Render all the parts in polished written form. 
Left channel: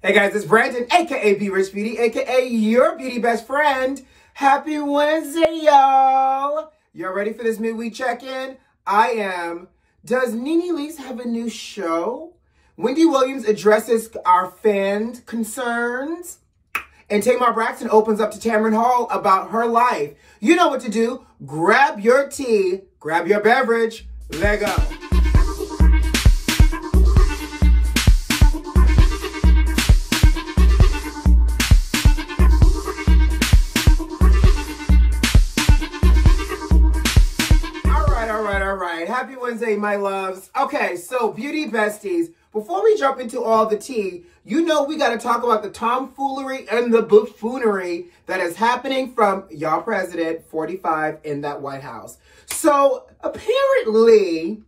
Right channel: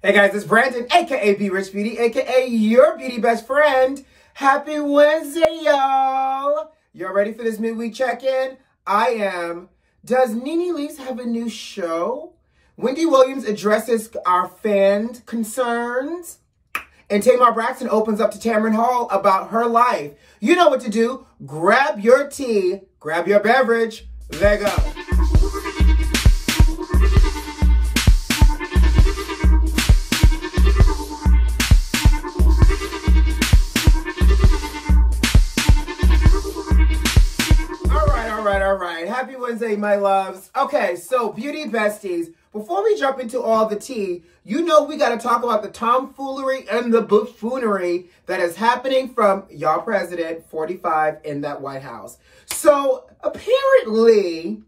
Hey guys, it's Brandon, aka B.Rich Beauty, aka your beauty best friend. Happy Wednesday, y'all. Y'all ready for this midweek check-in? I am. Does NENE Leakes have a new show? Wendy Williams addresses our fan concerns. And TAMAR Braxton opens up to TAMAR Hall about her life. You know what to do. Grab your tea, grab your beverage, let go. Happy Wednesday, my loves. Okay, so beauty besties, before we jump into all the tea, you know we got to talk about the tomfoolery and the buffoonery that is happening from y'all president 45 in that White House. So apparently,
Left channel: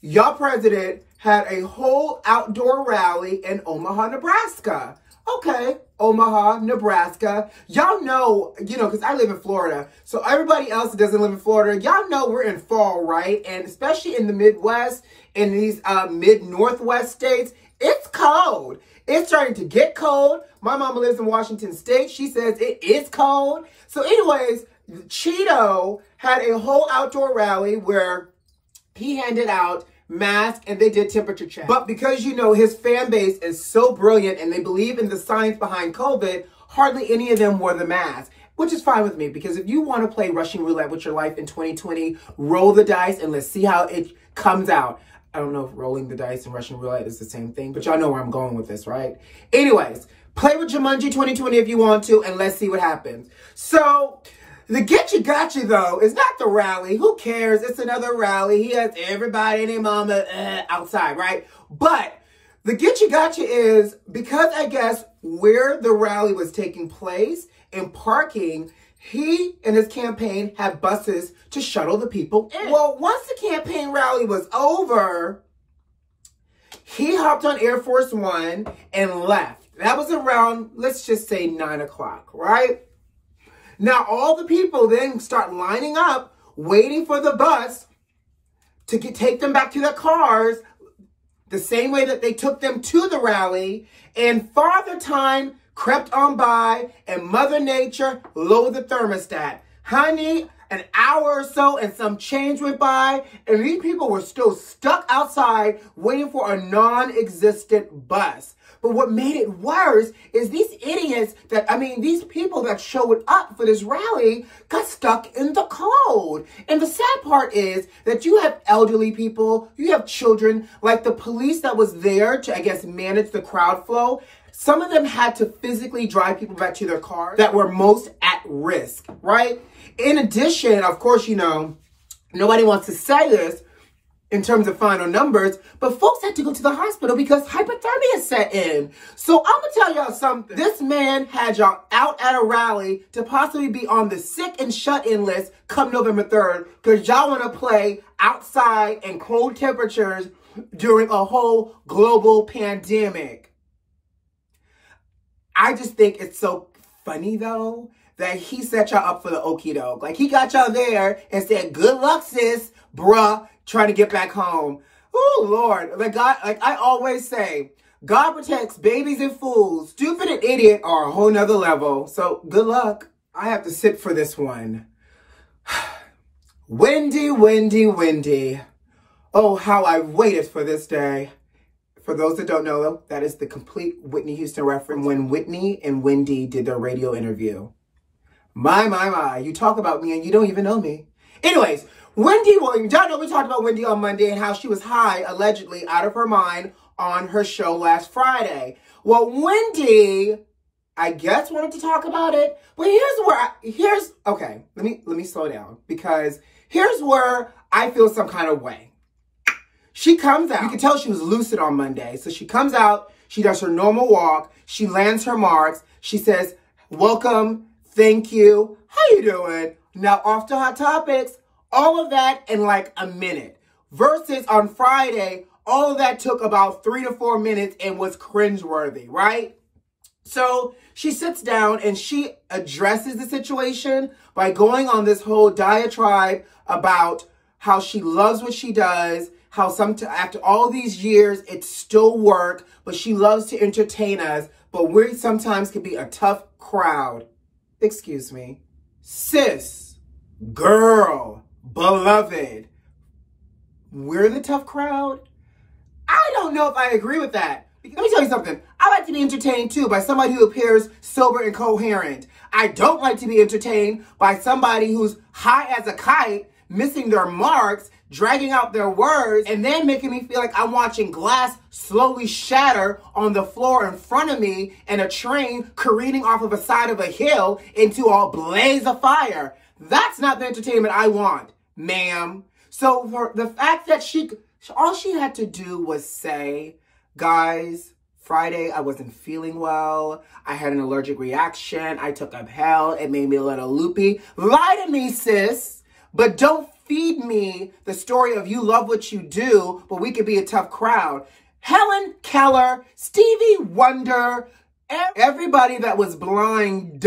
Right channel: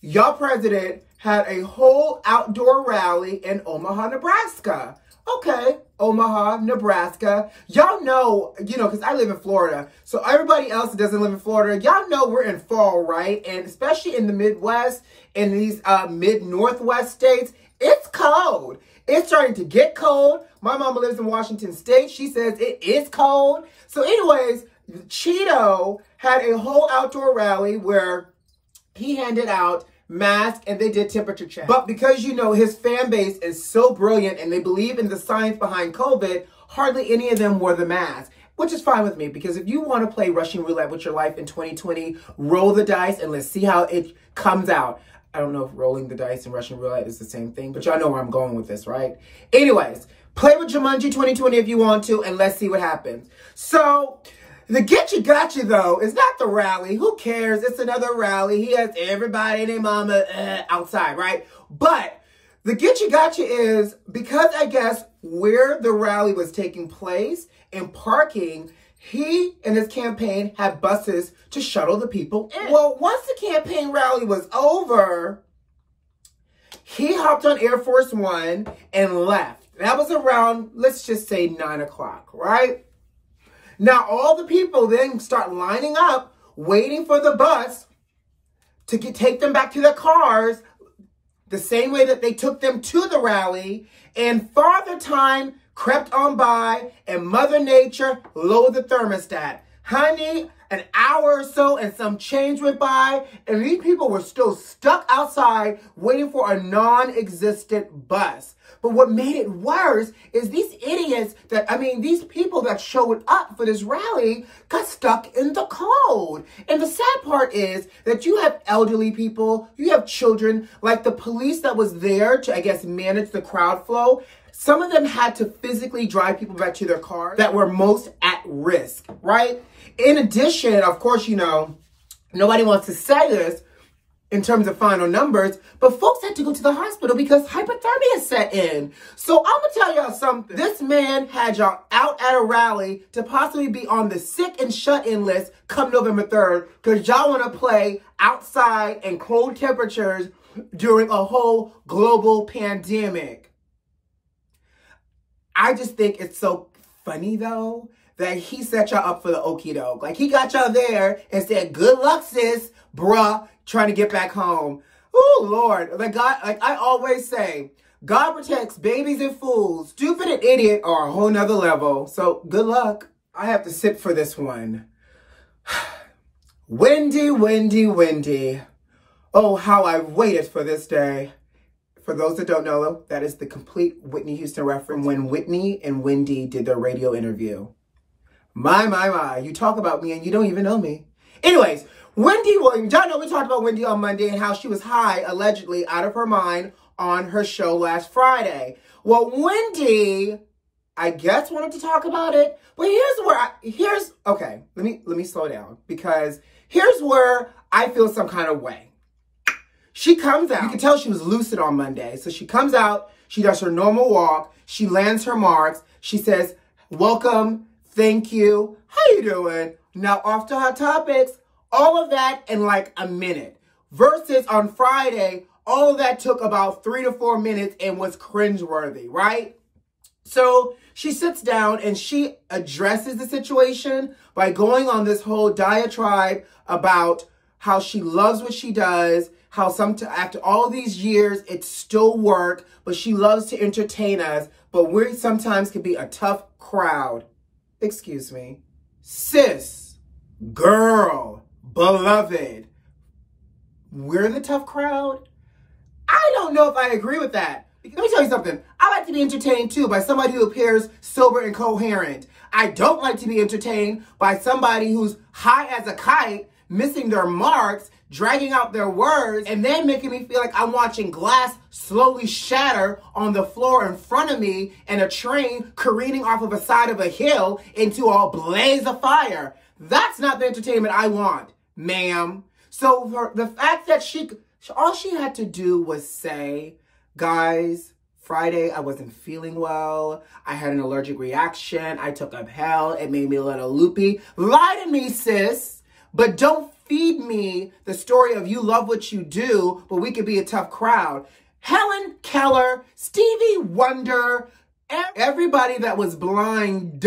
y'all president had a whole outdoor rally in Omaha, Nebraska. Okay, Omaha, Nebraska. Y'all know, because I live in Florida. So everybody else that doesn't live in Florida, y'all know we're in fall, right? And especially in the Midwest, in these mid-Northwest states, it's cold. It's starting to get cold. My mama lives in Washington State. She says it is cold. So anyways, Cheeto had a whole outdoor rally where he handed out mask and they did temperature check. But because his fan base is so brilliant and they believe in the science behind COVID, hardly any of them wore the mask, which is fine with me, because if you want to play Russian roulette with your life in 2020, roll the dice and let's see how it comes out. I don't know if rolling the dice and Russian roulette is the same thing, but y'all know where I'm going with this, right? Anyways, play with Jumanji 2020 if you want to, and let's see what happens. So the get you gotcha, though, is not the rally. Who cares? It's another rally. He has everybody and their mama outside, right? But the get you gotcha is because I guess where the rally was taking place and parking, he and his campaign had buses to shuttle the people in. Well, once the campaign rally was over, he hopped on Air Force One and left. That was around, let's just say 9 o'clock, right? Now, all the people then start lining up, waiting for the bus to take them back to their cars, the same way that they took them to the rally. And Father Time crept on by, and Mother Nature lowered the thermostat. Honey, an hour or so and some change went by, and these people were still stuck outside waiting for a non-existent bus. But what made it worse is these idiots these people that showed up for this rally got stuck in the cold. And the sad part is that you have elderly people, you have children, like the police that was there to, I guess, manage the crowd flow. Some of them had to physically drive people back to their cars that were most at risk, right? In addition, of course, nobody wants to say this in terms of final numbers, but folks had to go to the hospital because hypothermia set in. So I'm gonna tell y'all something. This man had y'all out at a rally to possibly be on the sick and shut-in list come November 3rd because y'all wanna play outside in cold temperatures during a whole global pandemic. I just think it's so funny, though, that he set y'all up for the okie doke. Like, he got y'all there and said, good luck, sis, bruh, trying to get back home. Oh, Lord. Like I always say, God protects babies and fools. Stupid and idiot are a whole nother level. So, good luck. I have to sit for this one. Wendy, Wendy, Wendy. Oh, how I waited for this day. For those that don't know, that is the complete Whitney Houston reference when Whitney and Wendy did their radio interview. My. You talk about me and you don't even know me. Anyways, Wendy Williams, y'all know we talked about Wendy on Monday and how she was high, allegedly, out of her mind on her show last Friday. Well, Wendy, I guess, wanted to talk about it, but okay, let me slow down, because here's where I feel some kind of way. She comes out, you can tell she was lucid on Monday, so she comes out, she does her normal walk, she lands her marks, she says, welcome, thank you, how you doing? Now, off to Hot Topics. All of that in like a minute. Versus on Friday, all of that took about 3 to 4 minutes and was cringeworthy, right? So she sits down and she addresses the situation by going on this whole diatribe about how she loves what she does, how after all these years, it's still work, but she loves to entertain us, but we sometimes can be a tough crowd. Excuse me. Sis, girl, beloved, we're the tough crowd? I don't know if I agree with that. Let me tell you something. I like to be entertained too by somebody who appears sober and coherent. I don't like to be entertained by somebody who's high as a kite, missing their marks, dragging out their words, and then making me feel like I'm watching glass slowly shatter on the floor in front of me and a train careening off of the side of a hill into a blaze of fire. That's not the entertainment I want, ma'am. So for the fact that all she had to do was say, guys, Friday, I wasn't feeling well. I had an allergic reaction. I took up hell. It made me a little loopy. Lie to me, sis. But don't feed me the story of you love what you do, but we could be a tough crowd. Helen Keller, Stevie Wonder, everybody that was blind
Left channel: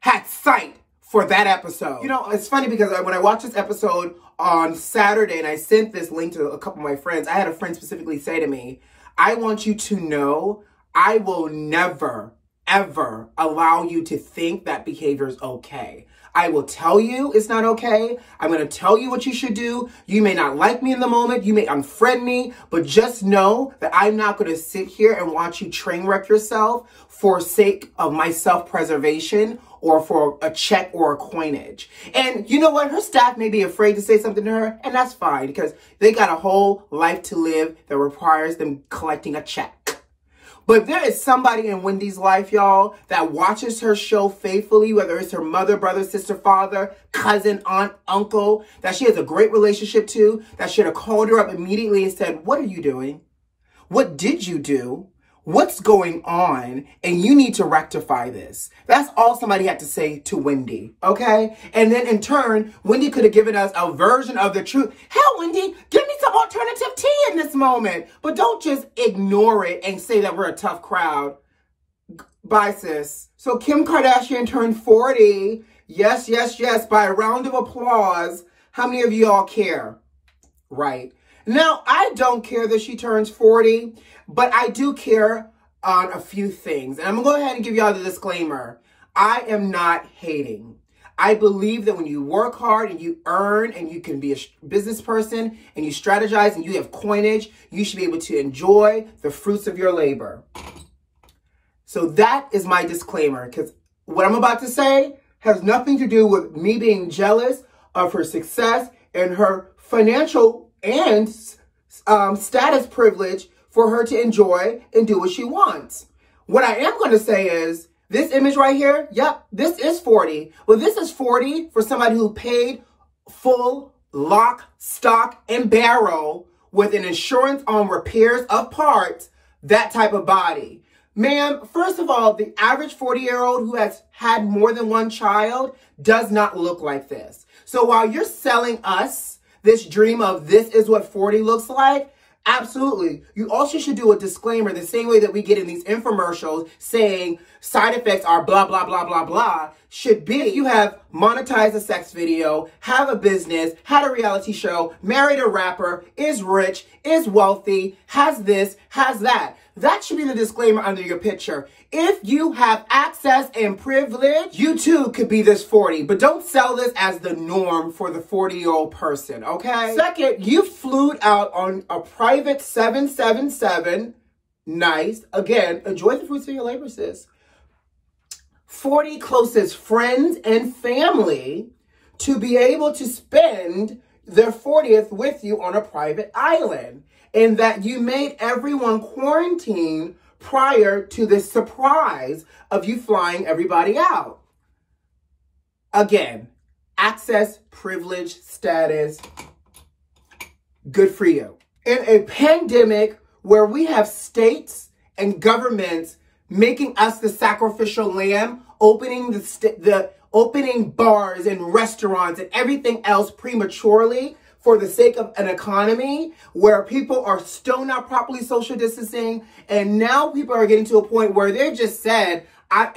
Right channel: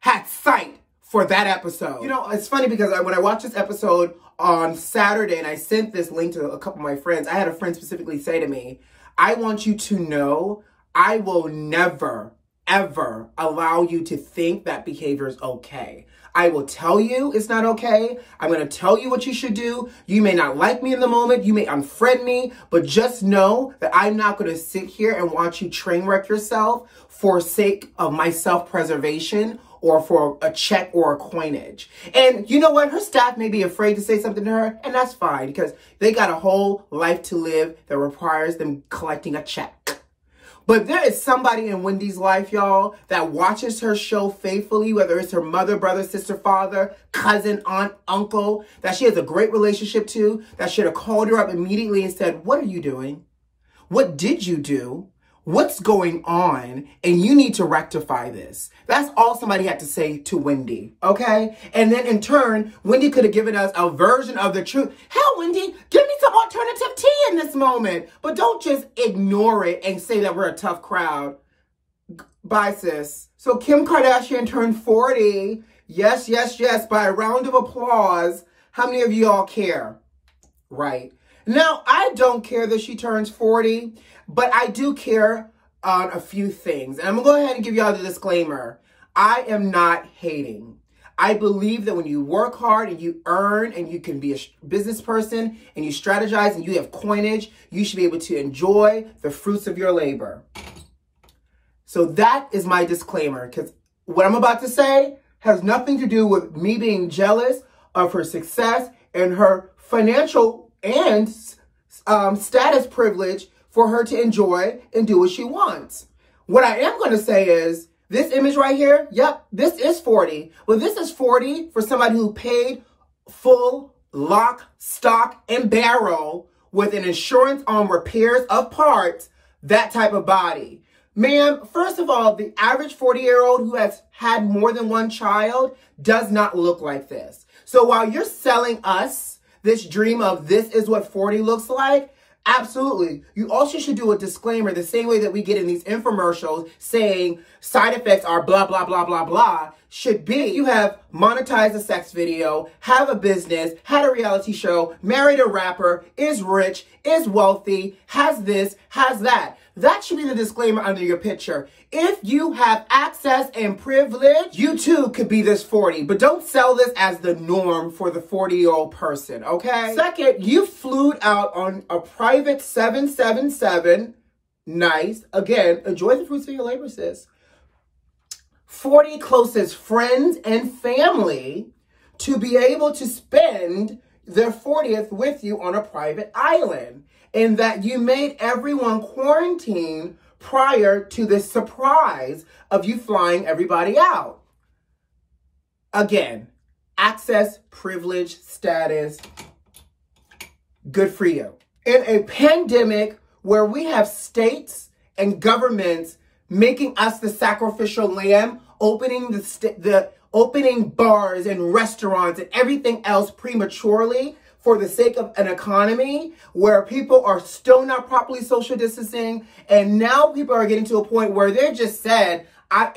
had sight for that episode. You know, it's funny because when I watched this episode on Saturday and I sent this link to a couple of my friends, I had a friend specifically say to me, I want you to know I will never, ever allow you to think that behavior is okay. I will tell you it's not okay. I'm going to tell you what you should do. You may not like me in the moment. You may unfriend me, but just know that I'm not going to sit here and watch you train wreck yourself for sake of my self-preservation or for a check or a coinage. And you know what? Her staff may be afraid to say something to her, and that's fine because they got a whole life to live that requires them collecting a check. But there is somebody in Wendy's life, y'all, that watches her show faithfully, whether it's her mother, brother, sister, father, cousin, aunt, uncle, that she has a great relationship to, that should have called her up immediately and said, what are you doing? What did you do? What's going on? And you need to rectify this. That's all somebody had to say to Wendy, okay? And then in turn, Wendy could have given us a version of the truth. Hell, Wendy, give me some alternative tea in this moment. But don't just ignore it and say that we're a tough crowd. Bye, sis. So Kim Kardashian turned 40. Yes, yes, yes. By a round of applause. How many of y'all care? Right. Now, I don't care that she turns 40. But I do care on a few things. And I'm going to go ahead and give y'all the disclaimer. I am not hating. I believe that when you work hard and you earn and you can be a business person and you strategize and you have coinage, you should be able to enjoy the fruits of your labor. So that is my disclaimer, because what I'm about to say has nothing to do with me being jealous of her success and her financial and status privilege for her to enjoy and do what she wants. What I am going to say is, this image right here, yep, this is 40. Well, this is 40 for somebody who paid full lock, stock, and barrel with an insurance on repairs of parts, that type of body. Ma'am, first of all, the average 40-year-old who has had more than one child does not look like this. So while you're selling us this dream of this is what 40 looks like, absolutely. You also should do a disclaimer the same way that we get in these infomercials saying side effects are blah, blah, blah, blah, blah. Should be you have monetized a sex video, have a business, had a reality show, married a rapper, is rich, is wealthy, has this, has that. That should be the disclaimer under your picture. If you have access and privilege, you too could be this 40, but don't sell this as the norm for the 40-year-old person, okay? Second, you flew out on a private 777. Nice. Again, enjoy the fruits of your labor, sis. 40 closest friends and family to be able to spend their 40th with you on a private island, and that you made everyone quarantine prior to the surprise of you flying everybody out. Again, access, privilege, status, good for you. In a pandemic where we have states and governments making us the sacrificial lamb, opening bars and restaurants and everything else prematurely for the sake of an economy where people are still not properly social distancing. And now people are getting to a point where they just said,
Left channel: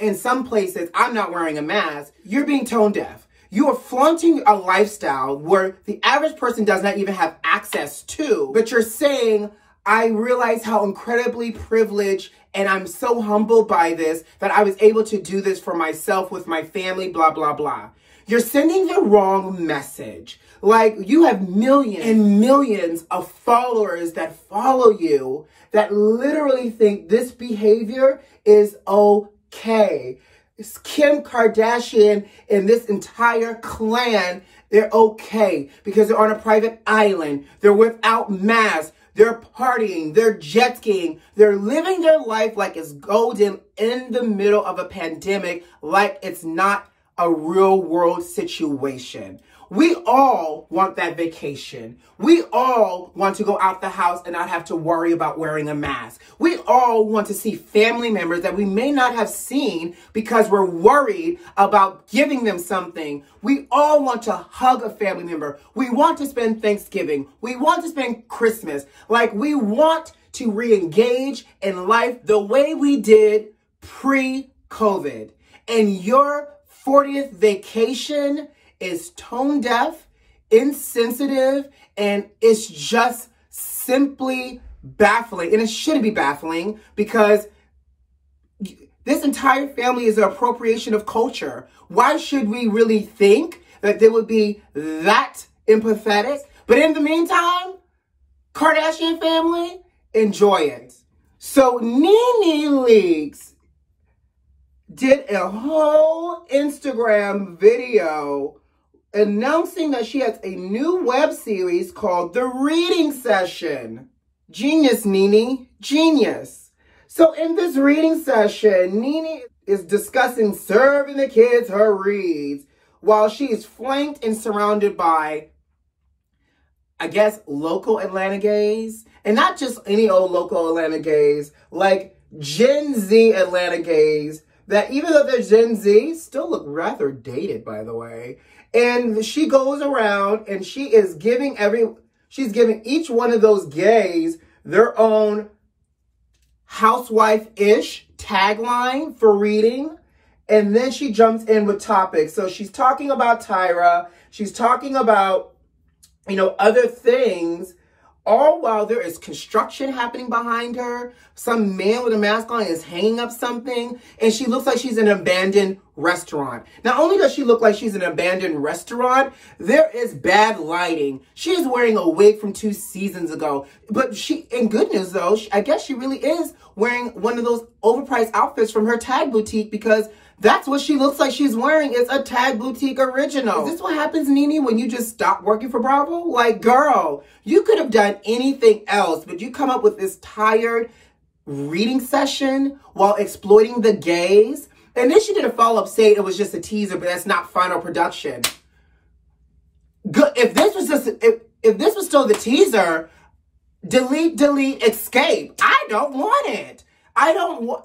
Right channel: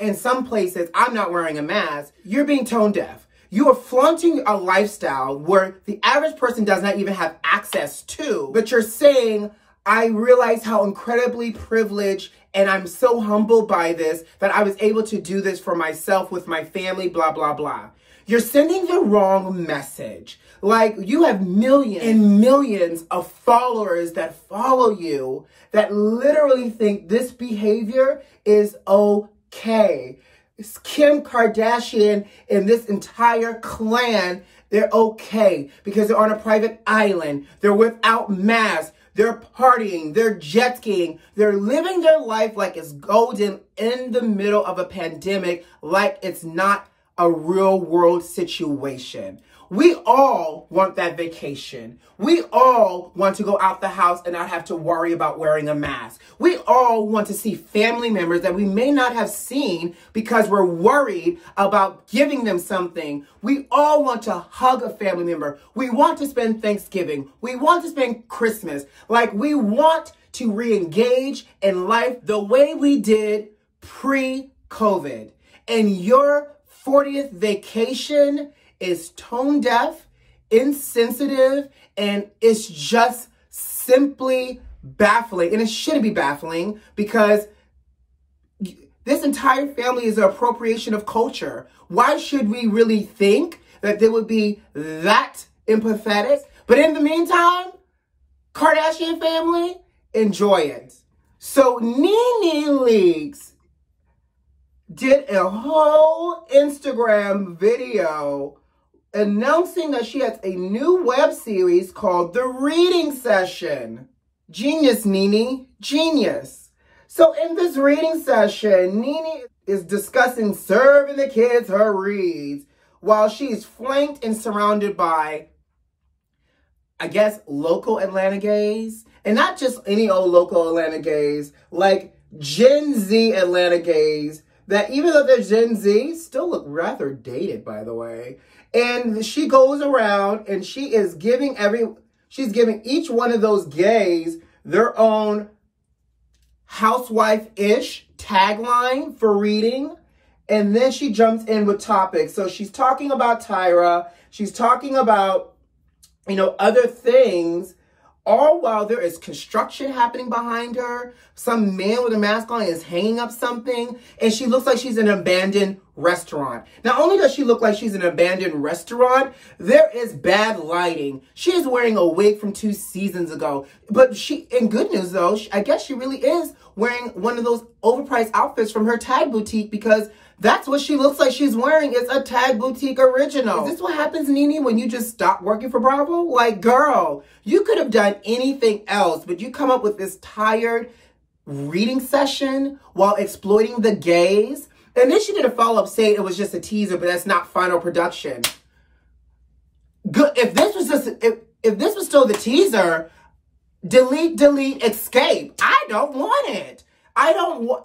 in some places, I'm not wearing a mask. You're being tone deaf. You are flaunting a lifestyle where the average person does not even have access to, but you're saying, I realize how incredibly privileged and I'm so humbled by this that I was able to do this for myself with my family, blah, blah, blah. You're sending the wrong message. Like, you have millions and millions of followers that follow you that literally think this behavior is okay. It's Kim Kardashian and this entire clan, they're okay because they're on a private island. They're without masks. They're partying. They're jet skiing. They're living their life like it's golden in the middle of a pandemic, like it's not a real world situation. We all want that vacation. We all want to go out the house and not have to worry about wearing a mask. We all want to see family members that we may not have seen because we're worried about giving them something. We all want to hug a family member. We want to spend Thanksgiving. We want to spend Christmas. Like, we want to re-engage in life the way we did pre-COVID. And your 40th vacation is tone deaf, insensitive, and it's just simply baffling. And it shouldn't be baffling because this entire family is an appropriation of culture. Why should we really think that they would be that empathetic? But in the meantime, Kardashian family, enjoy it. So NENE Leakes did a whole Instagram video announcing that she has a new web series called The Reading Session. Genius, NENE, genius. So in this reading session, NENE is discussing serving the kids her reads while she is flanked and surrounded by, I guess, local Atlanta gays. And not just any old local Atlanta gays, like Gen Z Atlanta gays that, even though they're Gen Z, still look rather dated, by the way. And she goes around and she is giving she's giving each one of those gays their own housewife-ish tagline for reading. And then she jumps in with topics. So she's talking about Tyra. She's talking about, you know, other things, all while there is construction happening behind her. Some man with a mask on is hanging up something, and she looks like she's in an abandoned restaurant. Not only does she look like she's in an abandoned restaurant, there is bad lighting. She's wearing a wig from 2 seasons ago. But in good news though, I guess she really is wearing one of those overpriced outfits from her Tag boutique, because that's what she looks like she's wearing. It's a Tag boutique original. Is this what happens, NENE, when you just stop working for Bravo? Like, girl, you could have done anything else, but you come up with this tired reading session while exploiting the gays. And then she did a follow-up saying it was just a teaser, but that's not final production. Good. If this was just, if this was still the teaser, delete, escape. I don't want it.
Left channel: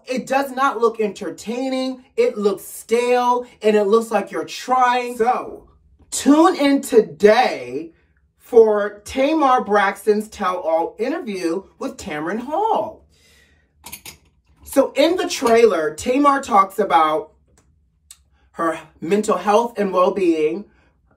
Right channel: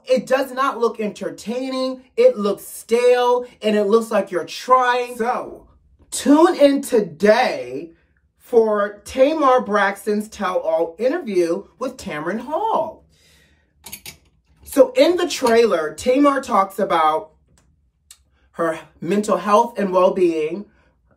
It does not look entertaining. It looks stale, and it looks like you're trying. So, tune in today for Tamar Braxton's tell-all interview with Tamron Hall. So, in the trailer, Tamar talks about her mental health and well-being,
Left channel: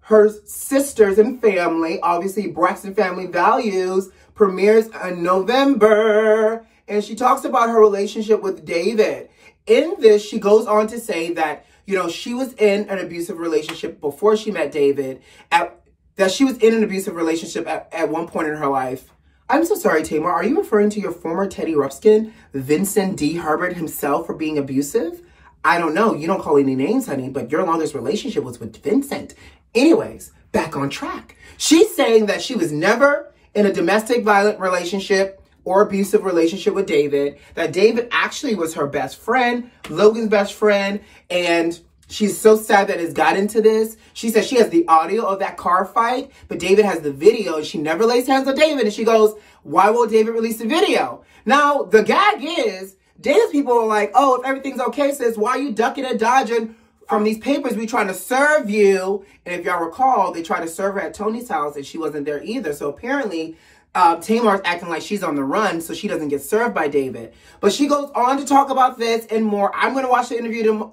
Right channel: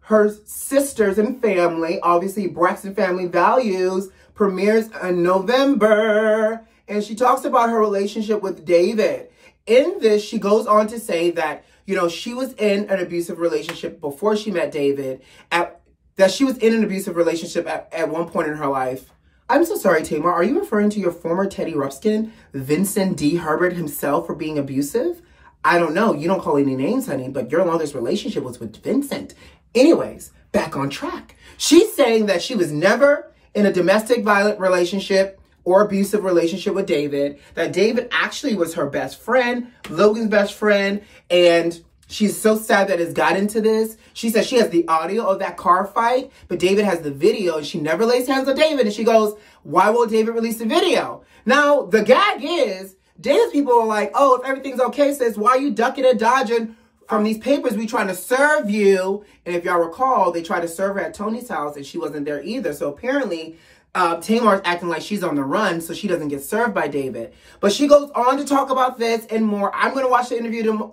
her sisters and family. Obviously, Braxton Family Values premieres in November. And she talks about her relationship with David. In this, she goes on to say that, you know, she was in an abusive relationship before she met David. That she was in an abusive relationship at one point in her life. I'm so sorry, Tamar. Are you referring to your former Teddy Ruxpin, Vincent D. Herbert himself, for being abusive? I don't know. You don't call any names, honey, but your longest relationship was with Vincent. Anyways, back on track. She's saying that she was never in a domestic violent relationship or abusive relationship with David, that David actually was her best friend, Logan's best friend, and she's so sad that it's got into this. She says she has the audio of that car fight, but David has the video, and she never lays hands on David, and she goes, why won't David release the video? Now, the gag is, David's people are like, oh, if everything's okay, sis, why are you ducking and dodging from these papers? We trying to serve you. And if y'all recall, they tried to serve her at Tony's house, and she wasn't there either. So apparently, Tamar's acting like she's on the run so she doesn't get served by David. But she goes on to talk about this and more. I'm going to watch the interview.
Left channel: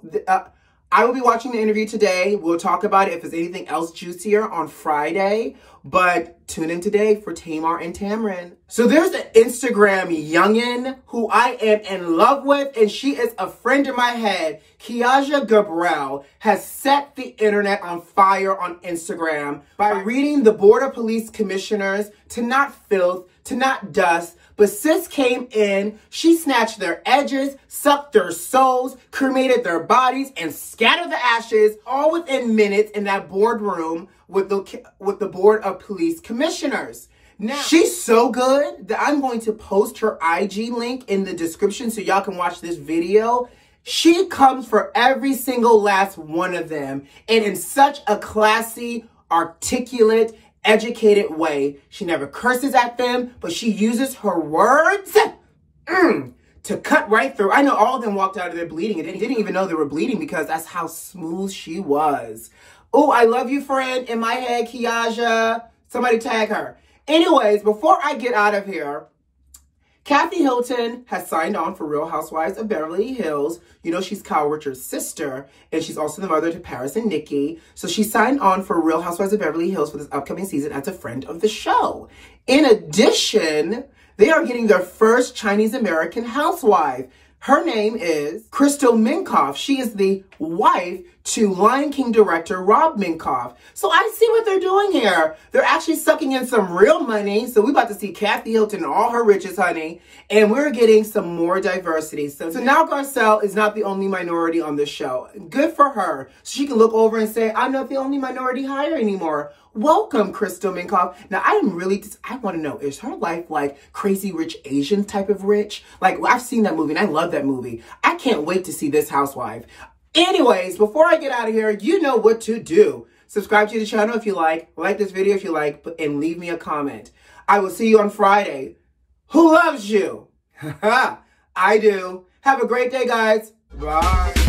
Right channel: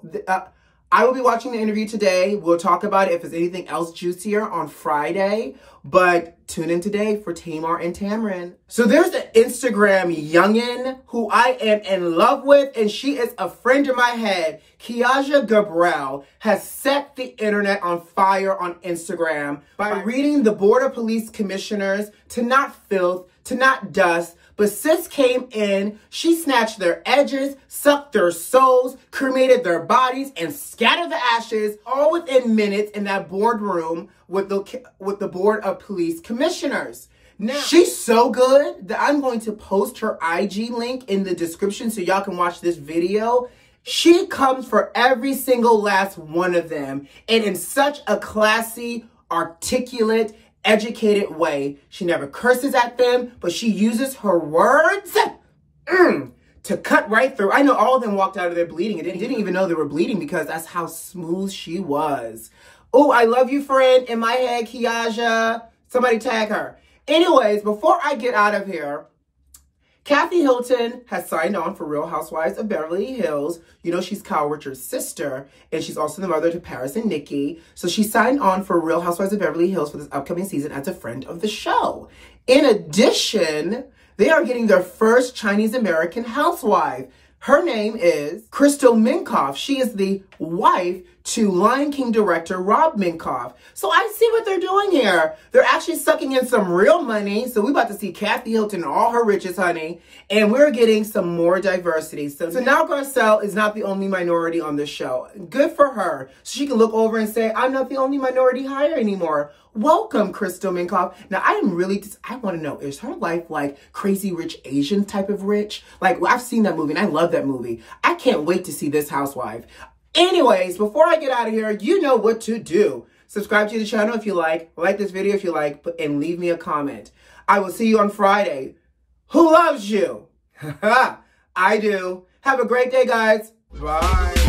I will be watching the interview today. We'll talk about it if there's anything else juicier on Friday. But tune in today for Tamar and Tamarin. So there's an Instagram youngin who I am in love with, and she is a friend of my head. Kiaja Gabriel has set the internet on fire on Instagram by reading the Board of Police Commissioners to not filth, to not dust. But sis came in, she snatched their edges, sucked their souls, cremated their bodies, and scattered the ashes all within minutes in that boardroom with the Board of Police Commissioners. Now, she's so good that I'm going to post her IG link in the description so y'all can watch this video. She comes for every single last one of them, and in such a classy, articulate, educated way. She never curses at them, but she uses her words to cut right through. I know all of them walked out of there bleeding and didn't even know they were bleeding because that's how smooth she was. Oh, I love you, friend. In my head, Kiaja. Somebody tag her. Anyways, before I get out of here, Kathy Hilton has signed on for Real Housewives of Beverly Hills. You know, she's Kyle Richards' sister, and she's also the mother to Paris and Nikki. So she signed on for Real Housewives of Beverly Hills for this upcoming season as a friend of the show. In addition, they are getting their first Chinese-American housewife. Her name is Crystal Minkoff. She is the wife to Lion King director Rob Minkoff. So I see what they're doing here. They're actually sucking in some real money. So we're about to see Kathy Hilton and all her riches, honey. And we're getting some more diversity. So now Garcelle is not the only minority on this show. Good for her. So she can look over and say, I'm not the only minority hire anymore. Welcome, Crystal Minkoff. Now, I want to know, is her life like Crazy Rich Asian type of rich? Like, I've seen that movie and I love that movie. I can't wait to see this housewife. Anyways, before I get out of here, you know what to do. Subscribe to the channel if you like this video if you like, and leave me a comment. I will see you on Friday. Who loves you? I do. Have a great day, guys. Bye.